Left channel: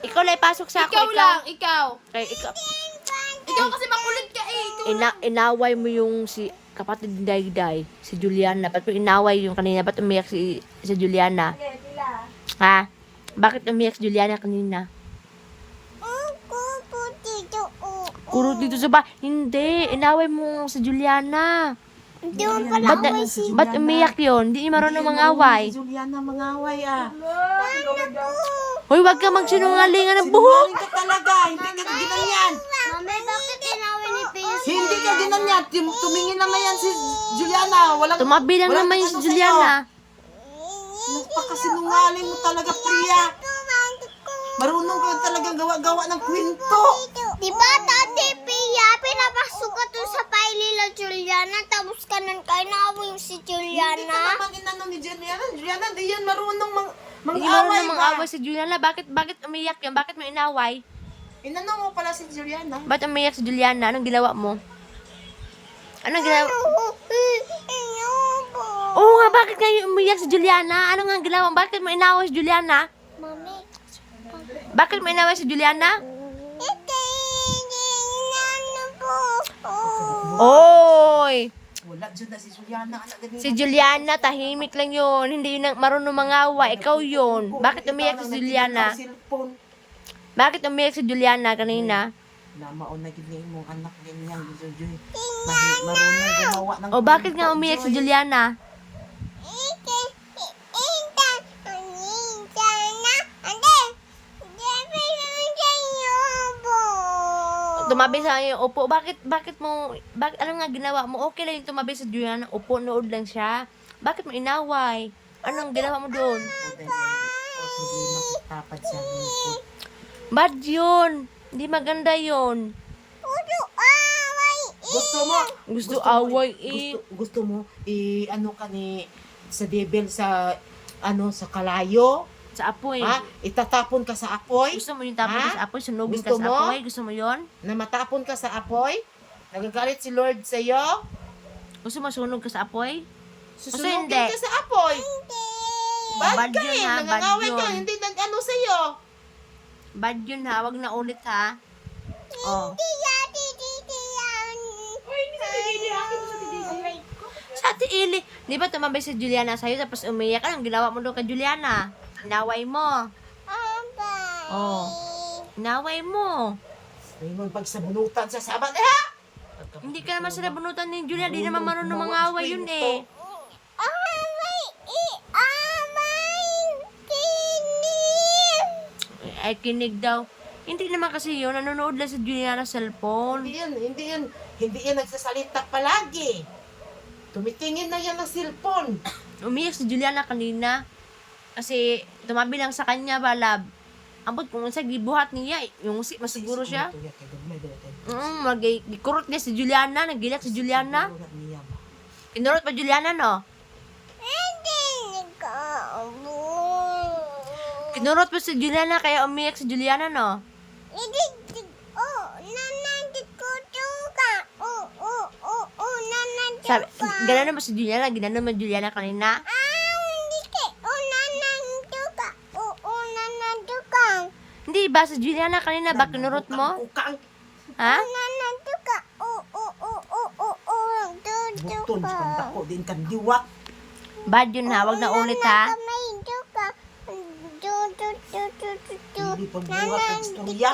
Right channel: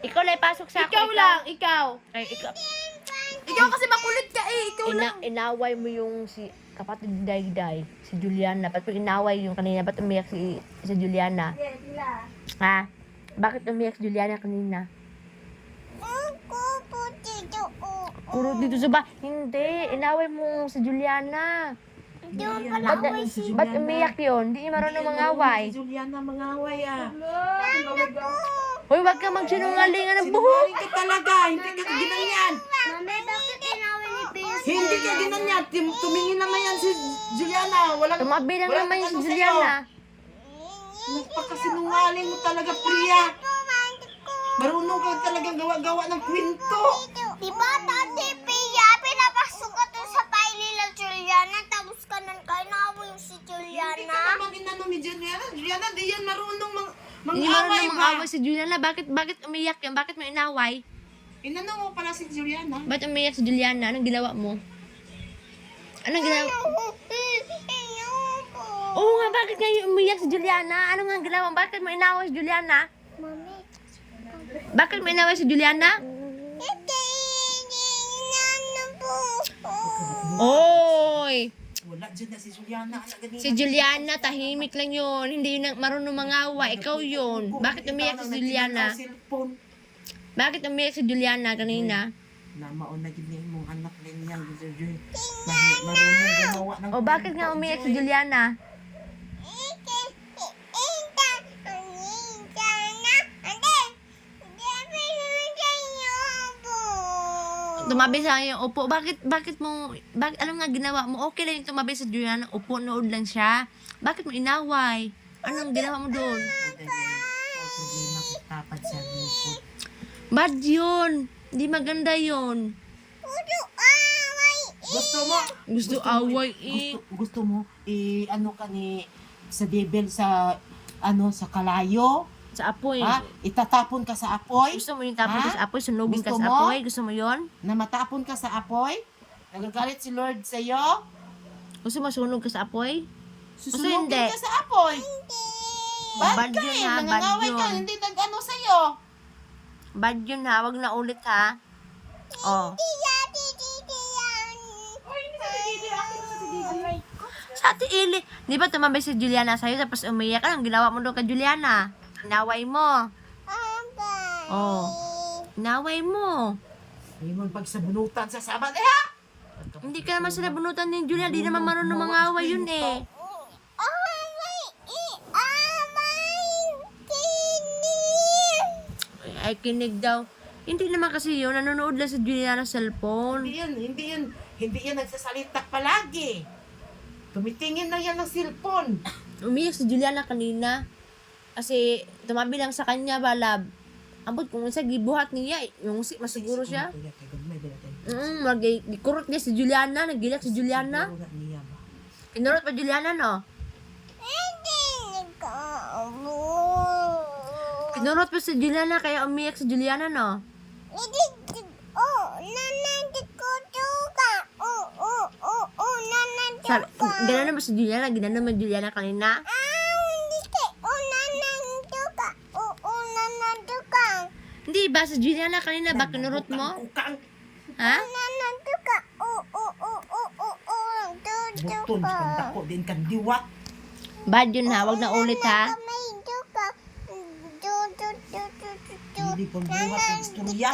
Ikaw lang ipasok sa ako. Ikaw lang, ikaw. Ay, ikaw. Ikaw kasi makulit ka eh, ikaw lang. Inaway mo yung si kapatid ni Dayday, si Juliana. Ba't mo inaway yung kanina? Ba't umiyak si Juliana? Ha? Bakit umiyak si Juliana kanina? Kuro dito sa ba? Hindi, inaway mo si Juliana. Hindi mo pala away si Ba't umiyak yun? Hindi marunong mangaway. Si Juliana mangaway ah. Hoy, wag ka magsinungalingan ng buhok. Sinungaling ka talaga. Hindi ka ginanyan. Mami, bakit inaway ni Pins? Hindi ka ginanyan. Tumingin naman yan si Juliana. Tumabi lang naman yung si Juliana. Napakasinungaling mo talaga, Priya. Marunong ka talaga gawa-gawa ng kwento. Diba, Tati Pia, pinapasok ka to sa pailila Juliana, tapos ka nang kainaway si Hindi Juliana. ka naman inano ni Juliana. Juliana, di yan marunong Hindi mang-away marunong ba? mangaway si Juliana. Bakit umiyak yun? Bakit mo inaway? Inano mo pala si Juliana. Ba't umiyak si Juliana? Anong ginawa mo? Anong ginawa? Oo nga, bakit nga yung umiyak si Juliana? Ano nga ginawa? Bakit mo inaway si Juliana? Mami, Bakit mo inaway si Juliana? hindi, inano po. Oy! Wala dyan na si Juliana. Anak ganyan. Si Juliana, tahimik lang yun. Hindi yun marunong mangaway. Ikaw yun. Bakit umiyak si Juliana? Cellphone. Bakit umiyak si Juliana kanina? Namaon na gini mong anak din yan. Marunong gumawa ng O bakit nga umiyak si Juliana? Tumabi sa iyo, upo. Bakit alam nga ginawa mo? Okay lang yung tumabi sa Juliana. Upo, nood lang siya. Bakit mo inaway? Anong ginawa mo doon? problema sa papad sa lingkod. Bad yun. Hindi maganda yun. Gusto mo? Gusto away eh. Gusto mo ano ka ni sa devil sa sa kalayo? Sa apoy. Ha? Itatapon ka sa apoy? Gusto mo yung tapon ka Ha? sa apoy? Sunugin ka Gusto sa mo? apoy? Gusto mo yun? Na matapon ka sa apoy? Nagagalit si Lord sa iyo? Gusto mo sunog ka sa apoy? Susunugin hindi. ka sa apoy? Bad yun ha, bad Nangangaway ka, yun. hindi nag-ano sa iyo. Bad yun ha, wag na ulit ha. Oh. Sa Ate Ili, di ba tumabay si Juliana sa'yo tapos umiyak? Anong ginawa mo doon kay Juliana? Inaway mo. Oh. Inaway mo. May mong pagsabunutan sa sabat ha? Hindi ka naman sila bunutan ni Juliana. Di naman marunong mangaway yun eh. Ay, kinig daw. Hindi naman kasi yun. Nanonood lang si Juliana sa cellphone. Hindi yan nagsasalita palagi. Tumitingin na yan ng cellphone. Umiyak si Juliana kanina. Kasi tumabi lang sa kanya ba, lab. Ambot kung sa gibuhat niya, yung si masiguro siya. Magkurot niya si Juliana, nagilak si Juliana. Kinurot pa Juliana, no? Kinurot pa si Juliana, kaya umiyak si Juliana, no? Sabi, gano'n naman si Juliana, gano'n naman Juliana kanina. Hindi ba si Juliana kanina, ba kinurot mo? Ha? Buton, dako din kan diwat. Bad yun ha, wag na ulit ha. Hindi pagbuhat ng istorya.